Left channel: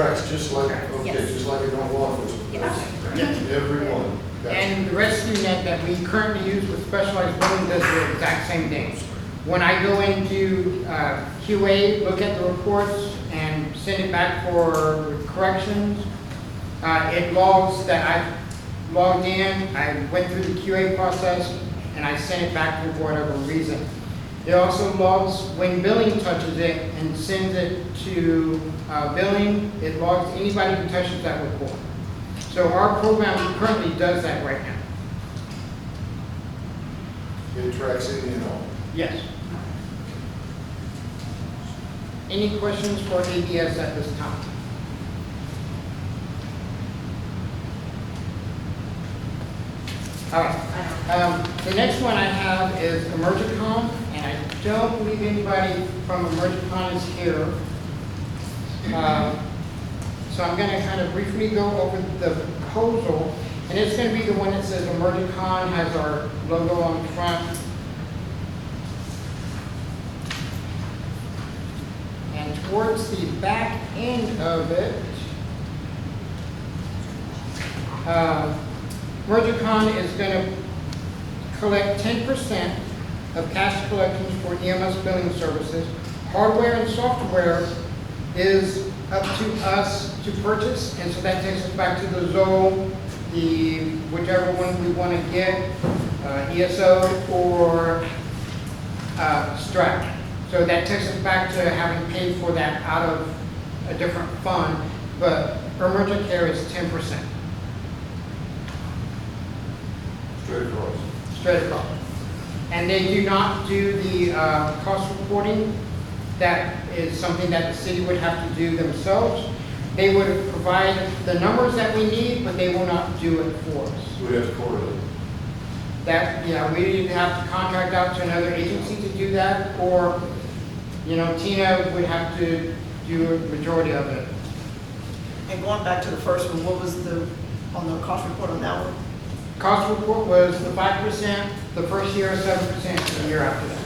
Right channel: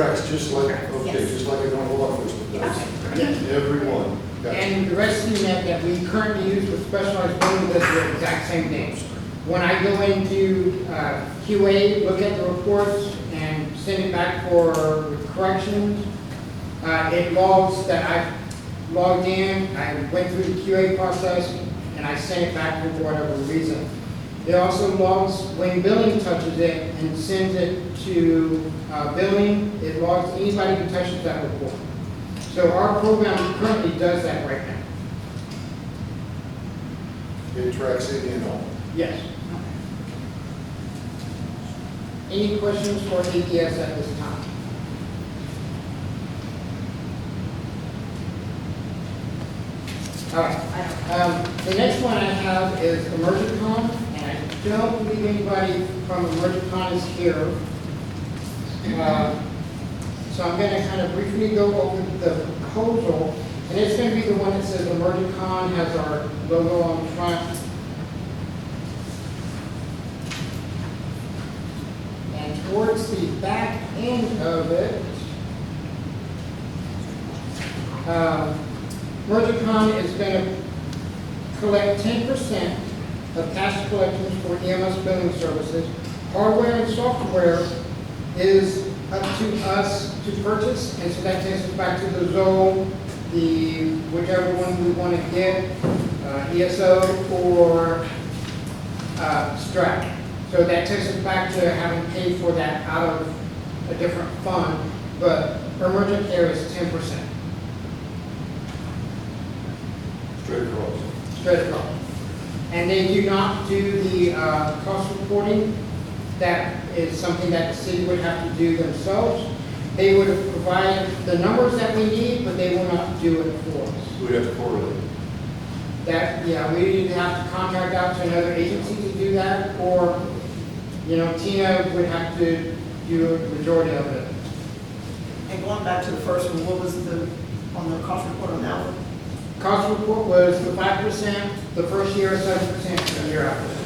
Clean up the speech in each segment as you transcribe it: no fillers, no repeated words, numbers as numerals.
Tracks just like, okay, Yes. just like a normal law enforcement does. Yes. Everyone. Gotcha. And the rescue net that we currently use with specialized building does the exact same thing. When I go into QA, look at the reports and send it back for corrections, it logs that I logged in, I went through the QA process, and I sent it back for whatever reason. It also logs when billing touches it and sends it to billing. It logs anybody who touches that report. So our program currently does that right now. It tracks any and all. Yes. Any questions for ABS at this time? All right. The next one I have is Emergicon, and I don't believe anybody from Emergicon is here. So I'm going to kind of briefly go over the proposal, and it's going to be the one that says Emergicon, has our logo on the front. And towards the back end of it, Emergicon is going to collect 10% of cash collections for EMS billing services. Hardware and software is up to us to purchase, and so that takes us back to the Zoll, the whichever one we want to get, ESO or Strat. So that takes us back to having paid for that out of a different fund, but emergent care is 10%. Straight across. Straight across. And they do not do the cost reporting. That is something that the city would have to do themselves. They would provide the numbers that we need, but they will not do it for us. We have to correlate. That, yeah, we either have to contract out to another agency to do that, or, you know, Tina would have to do a majority of it. And going back to the first one, what was on the cost report on that one? Cost report was the 5% the first year, 7% the year after that.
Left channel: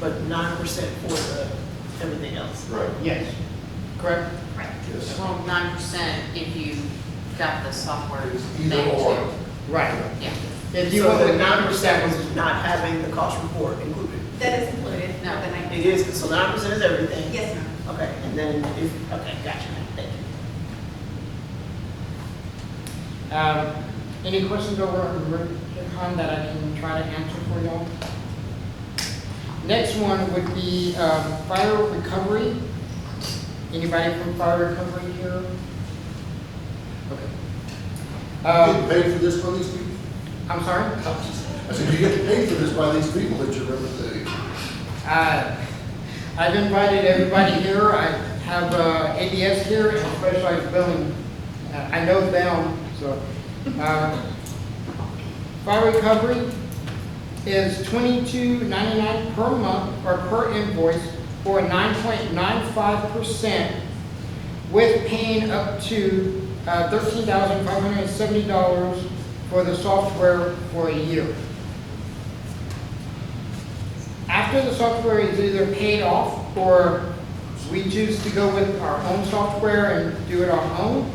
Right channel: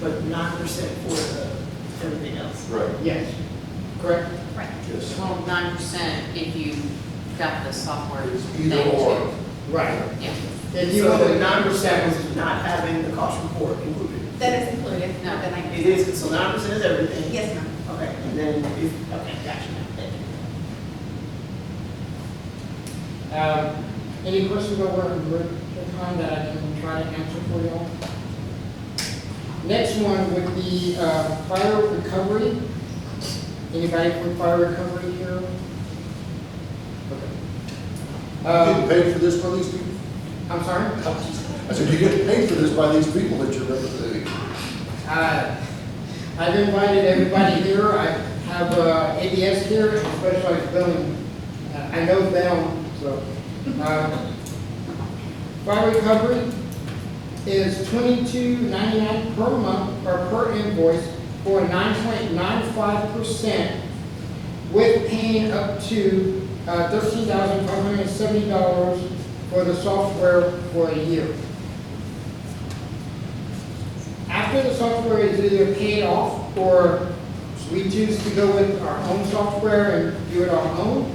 But 9% for everything else. Right. Yes, correct? Right. Yes. Well, 9% if you got the software It's thing either or. too. Right. Yeah, If you So want the the 9% 9% was not having the cost report included. That is included. No. Then I- It is, so 9% is everything. Yes, ma'am. Okay, and then if, okay, gotcha. Thank you. Any questions over Emergicon that I can try to answer for y'all? Next one would be fire recovery. Anybody from fire recovery here? You get paid for this by these people? I'm sorry? I said, you get paid for this by these people that you're representing. I've invited everybody here. I have ABS here and specialized billing. I know them, so. Fire recovery is $22.99 per month or per invoice for 9.95%, with paying up to $13,570 for the software for a year. After the software is either paid off or we choose to go with our own software and do it our own,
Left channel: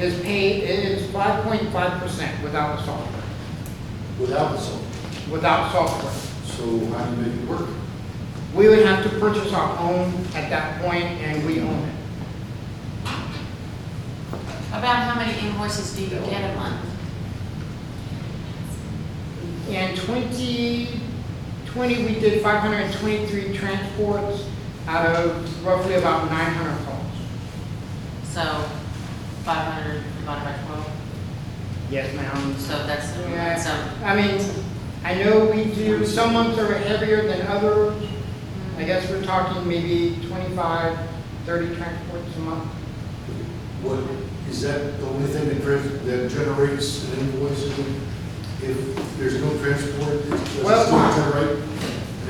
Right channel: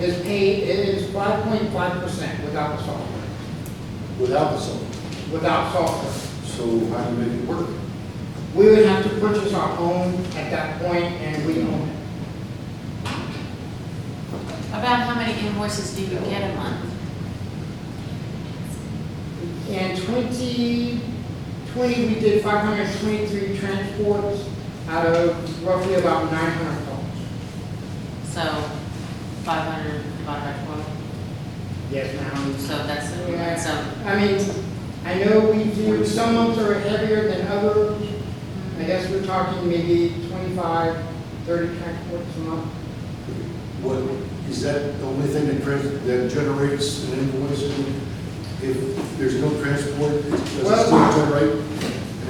is paid, it is 5.5% without the software. Without the software. Without software. So how do you make it work? We would have to purchase our own at that point, and we own it. about how many invoices do you get a month? In 2020, we did 523 transports out of roughly about 900 calls. So 500 divided by 12, Yes, ma'am. so that's, Yeah. so, I mean, I know we do, some months are heavier than others. I guess we're talking maybe 25, 30 transports a month. What, is that the only thing that generates an invoice? If there's no transport, does it Well, still generate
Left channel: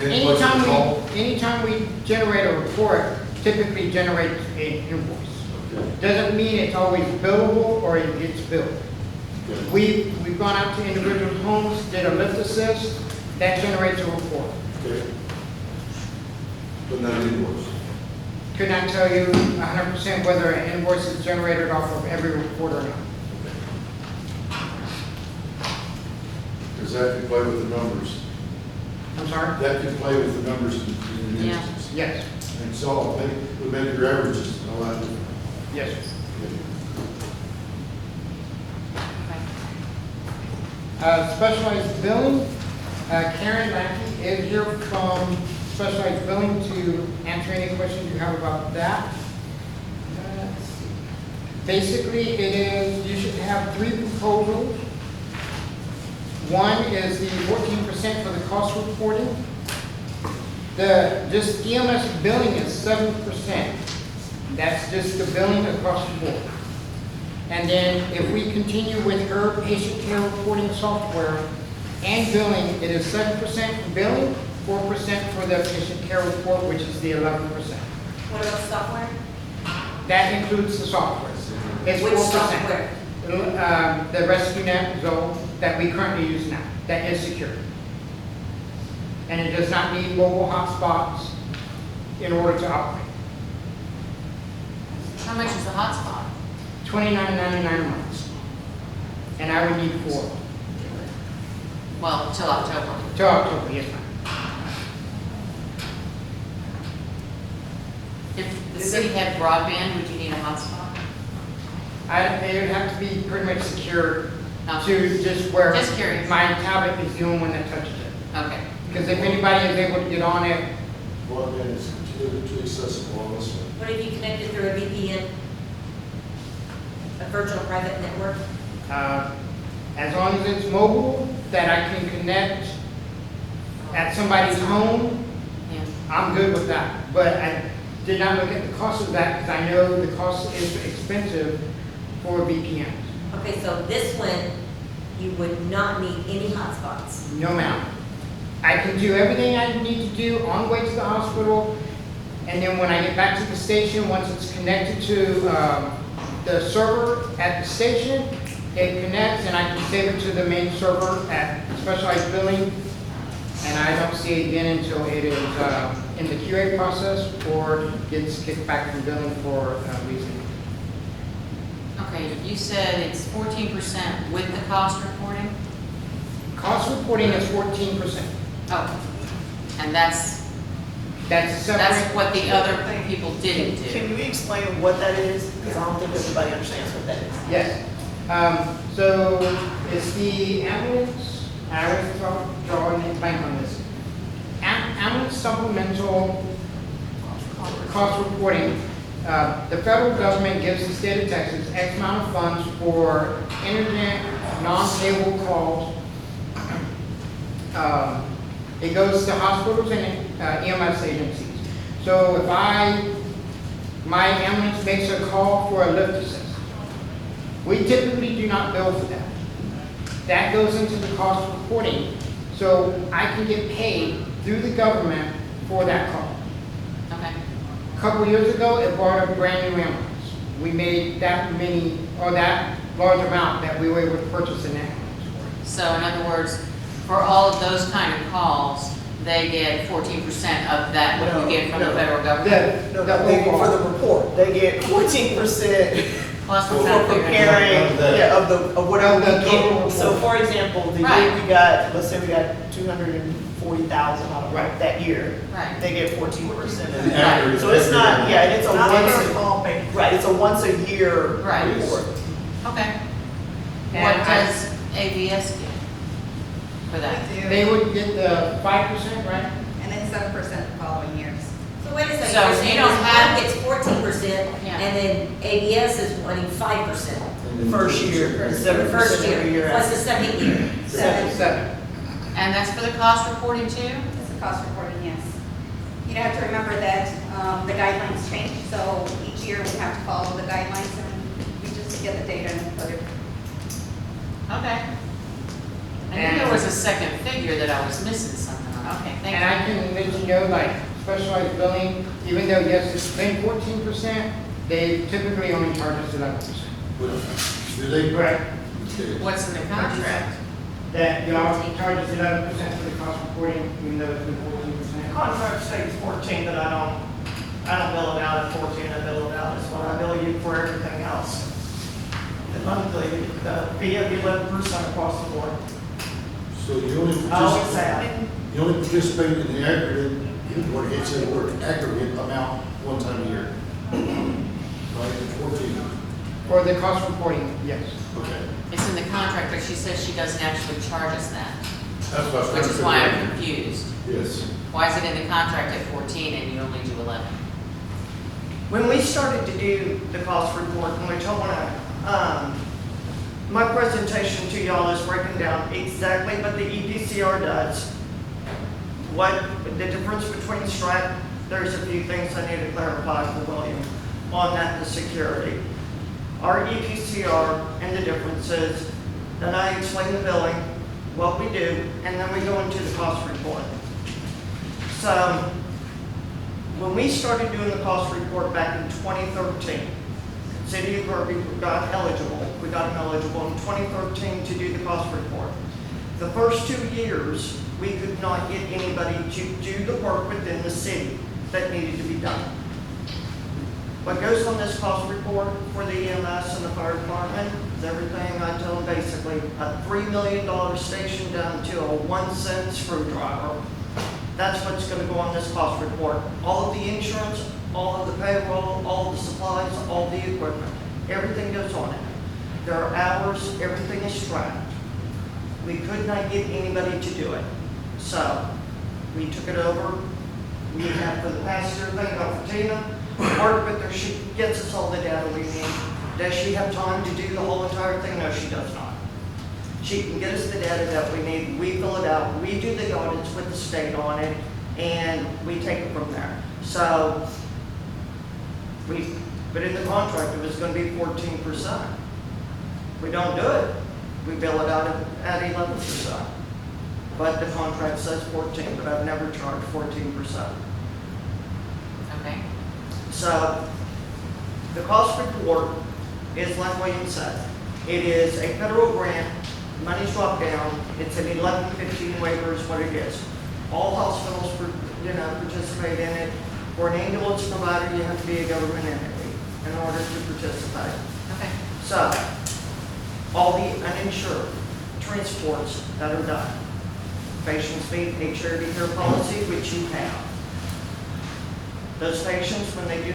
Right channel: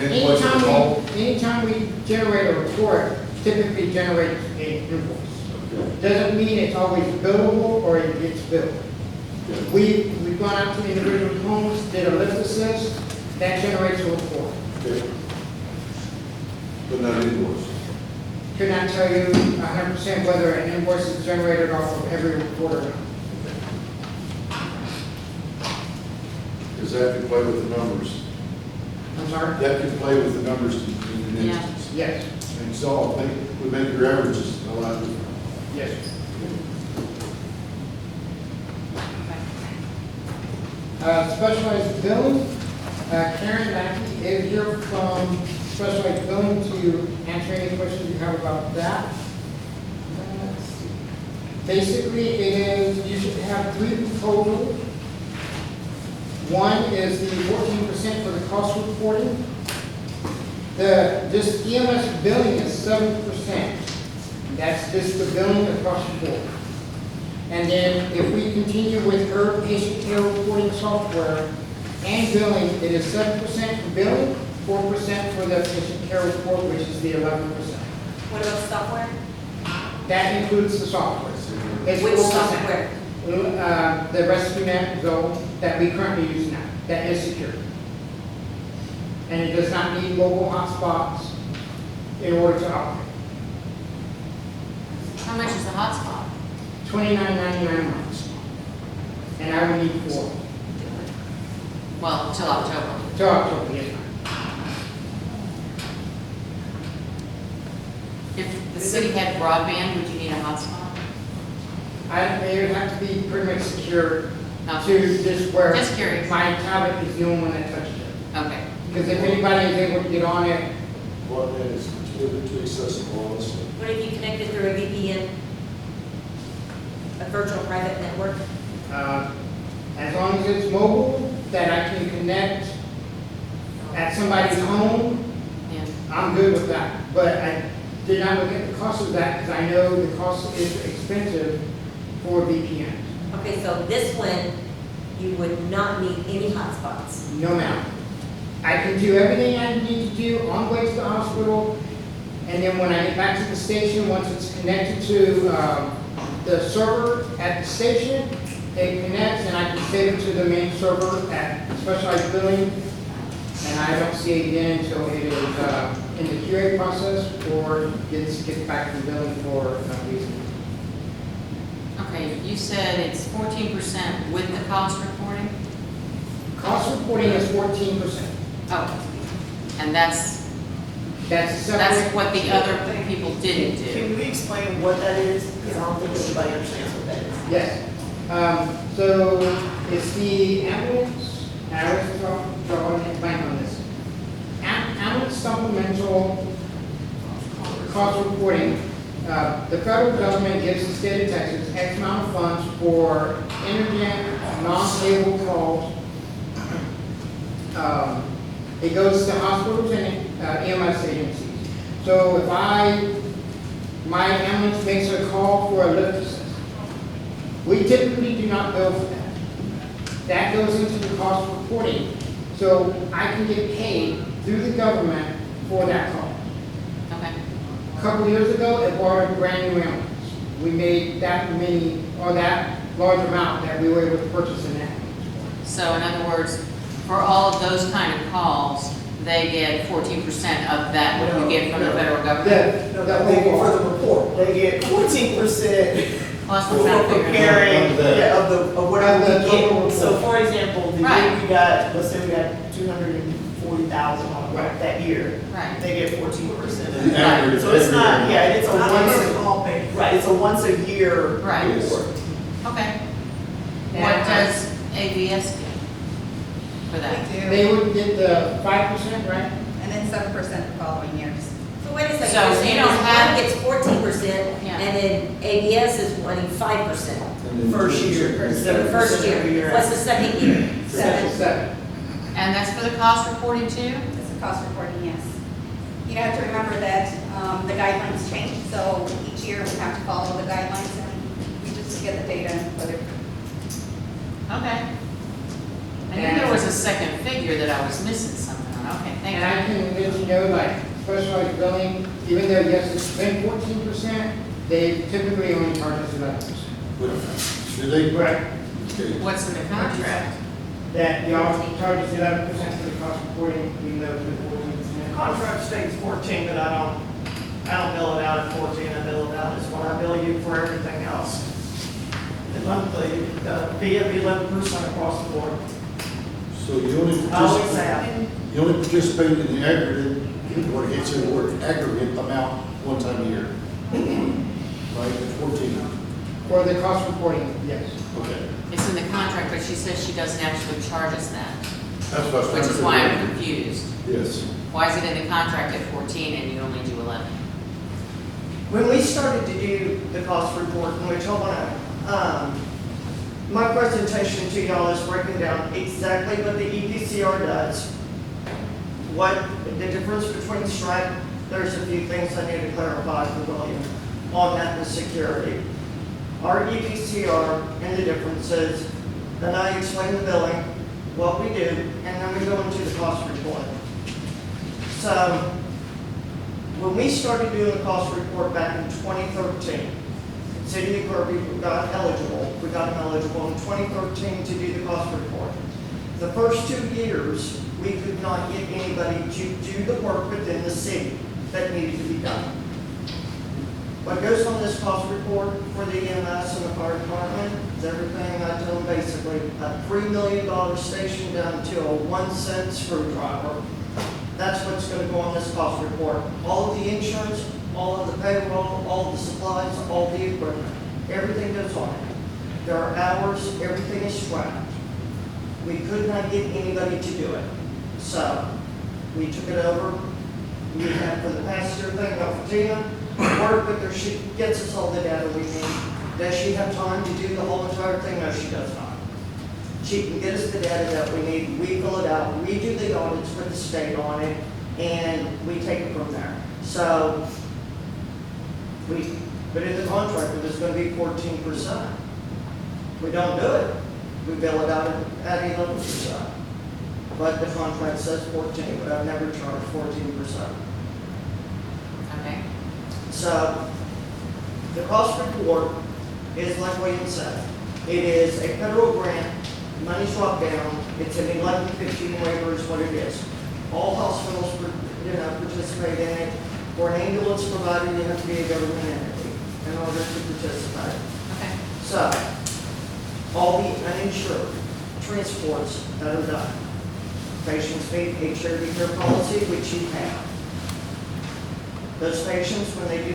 an invoice for the call? Anytime we generate a report, typically generates an invoice. Okay. Doesn't mean it's always billable or it gets billed. Okay. We've gone out to individual homes, did a lift assist, that generates a report. Okay. But not an invoice. could not tell you 100% whether an invoice is generated off of every report or not. Because that could play with the numbers. I'm sorry? That could play with the numbers in an Yeah. instance. Yes, And so would make your averages a lot different. yes. Specialized billing, Karen Mackey is here from Specialized Billing to answer any questions you have about that. Let's see. Basically, it is, you should have 3 proposals. One is the 14% for the cost reporting. This EMS billing is 7%. That's just the billing across the board. And then if we continue with her patient care reporting software and billing, it is 7% for billing, 4% for the patient care report, which is the 11%. What about software? That includes the software. It's Which 4%. software? The RescueNet Zone that we currently use now, that is secure. And it does not need mobile hotspots in order to operate. How much is the hotspot? $29.99 a month. And I would need 4 Well, till October. till October, yes, ma'am. If the city had broadband, would you need a hotspot? They would have to be pretty much secure Okay. to just where Just curious. my tablet is the only one that touches it. Okay. Because if anybody is able to get on it, Broadband is too accessible, honestly. What if you connected through a VPN? A virtual private network? as long as it's mobile, that I can connect at somebody's home, Yeah. I'm good with that. But I did not look at the cost of that because I know the cost is expensive for VPN. Okay, so this one, you would not need any hotspots. No ma'am. I can do everything I need to do on the way to the hospital, and then when I get back to the station, once it's connected to the server at the station, it connects and I can save it to the main server at Specialized Billing, and I don't see it again until it is in the QA process or gets kicked back from billing for reason. Okay, you said it's 14% with the cost reporting? Cost reporting is 14%. Oh, and that's That's That's separate. what the other people didn't do. Can we explain what that is? Because I don't think everybody understands what that is. Yes. So it's the ambulance, I was drawing a blank on this. Ambulance supplemental cost reporting. The federal government gives the state of Texas X amount of funds for internet, non-cable calls. It goes to hospitals and EMS agencies. So if my ambulance makes a call for a lift assist, we typically do not bill for that. That goes into the cost reporting, so I can get paid through the government for that call. Okay. A couple years ago, it bought a brand new ambulance. We made that many, or that large amount that we were able to purchase an ambulance. So in other words, for all of those kind of calls, they get 14% of that, what you get from the federal government? No, they get for the report, they get 14% Well, that's for what I'm trying to figure out. preparing, Of that. yeah, of whatever Of the we total get. So report. for example, the year Right. we got, let's say we got 240,000 on Right. that year, Right. they get 14%. The aggregate- So it's not, yeah, it's a Not once, all paid. right, it's a once a year Right. report. Okay. And What I- does AVS get for that? They would get the 5%, right? And then 7% the following years. So wait a second, So you're you saying don't this have- one gets 14%, Yeah. and then ABS is wanting 5%. First year, For the 7% first every year. year. What's the second year? 7. And that's for the cost reporting too? It's a cost reporting, yes. You have to remember that the guidelines change, so each year we have to follow the guidelines and we just get the data and put it. Okay. I knew there was a second figure that I was missing something on. Okay, thank And you. I can let you know, like, specialized billing, even though, yes, it's been 14%, they typically only charge us 11%. Do they? Right. Okay. What's in the contract? That the office charges 11% for the cost reporting, even though it's been 14%. Contract states 14, but I don't I don't bill it out at 14, I bill it out as what I bill you for everything else. The monthly, fee of 11% across the board. So you only I always participate, have. you only participate in the aggregate, what it said, the word aggregate amount one time a year. Right, 14, For the cost reporting, yes. okay. It's in the contract, but she says she doesn't actually charge us that, That's what I was trying which to is figure why out. I'm confused. Yes. Why is it in the contract at 14 and you only do 11? When we started to do the cost report, which I want to, my presentation to y'all is breaking down exactly what the EPCR does. What the difference between strike, there's a few things I need to clarify for William on that, the security. Our EPCR and the differences, then I explain the billing, what we do, and then we go into the cost report. So, when we started doing the cost report back in 2013, City of Kirby got eligible, we got eligible in 2013 to do the cost report. The first 2 years, we could not get anybody to do the work within the city that needed to be done. What goes on this cost report for the EMS and the fire department is everything I tell them basically, a $3 million station down to a 1-cent screwdriver. That's what's gonna go on this cost report. All of the insurance, all of the payroll, all of the supplies, all the equipment, everything goes on it. There are hours, everything is tracked. We could not get anybody to do it. So, we took it over. We have for the past year thing about Fatima, work with her, she gets us all the data we need. Does she have time to do the whole entire thing? No, she does not. She can get us the data that we need, we fill it out, we do the audits with the state on it, and we take it from there. So, but in the contract, it was gonna be 14%. We don't do it, we bill it out at 11%. But the contract says 14, but I've never charged 14%. Okay? So, the cost report is like William said. It is a federal grant, money's dropped down, it's an 1115 waiver is what it is. All hospitals, participate in it. For an ambulance provider, you have to be a government entity in order to participate. Okay. So, all the uninsured transports that are done, patients meet HRD care policy, which you have. Those patients, when they do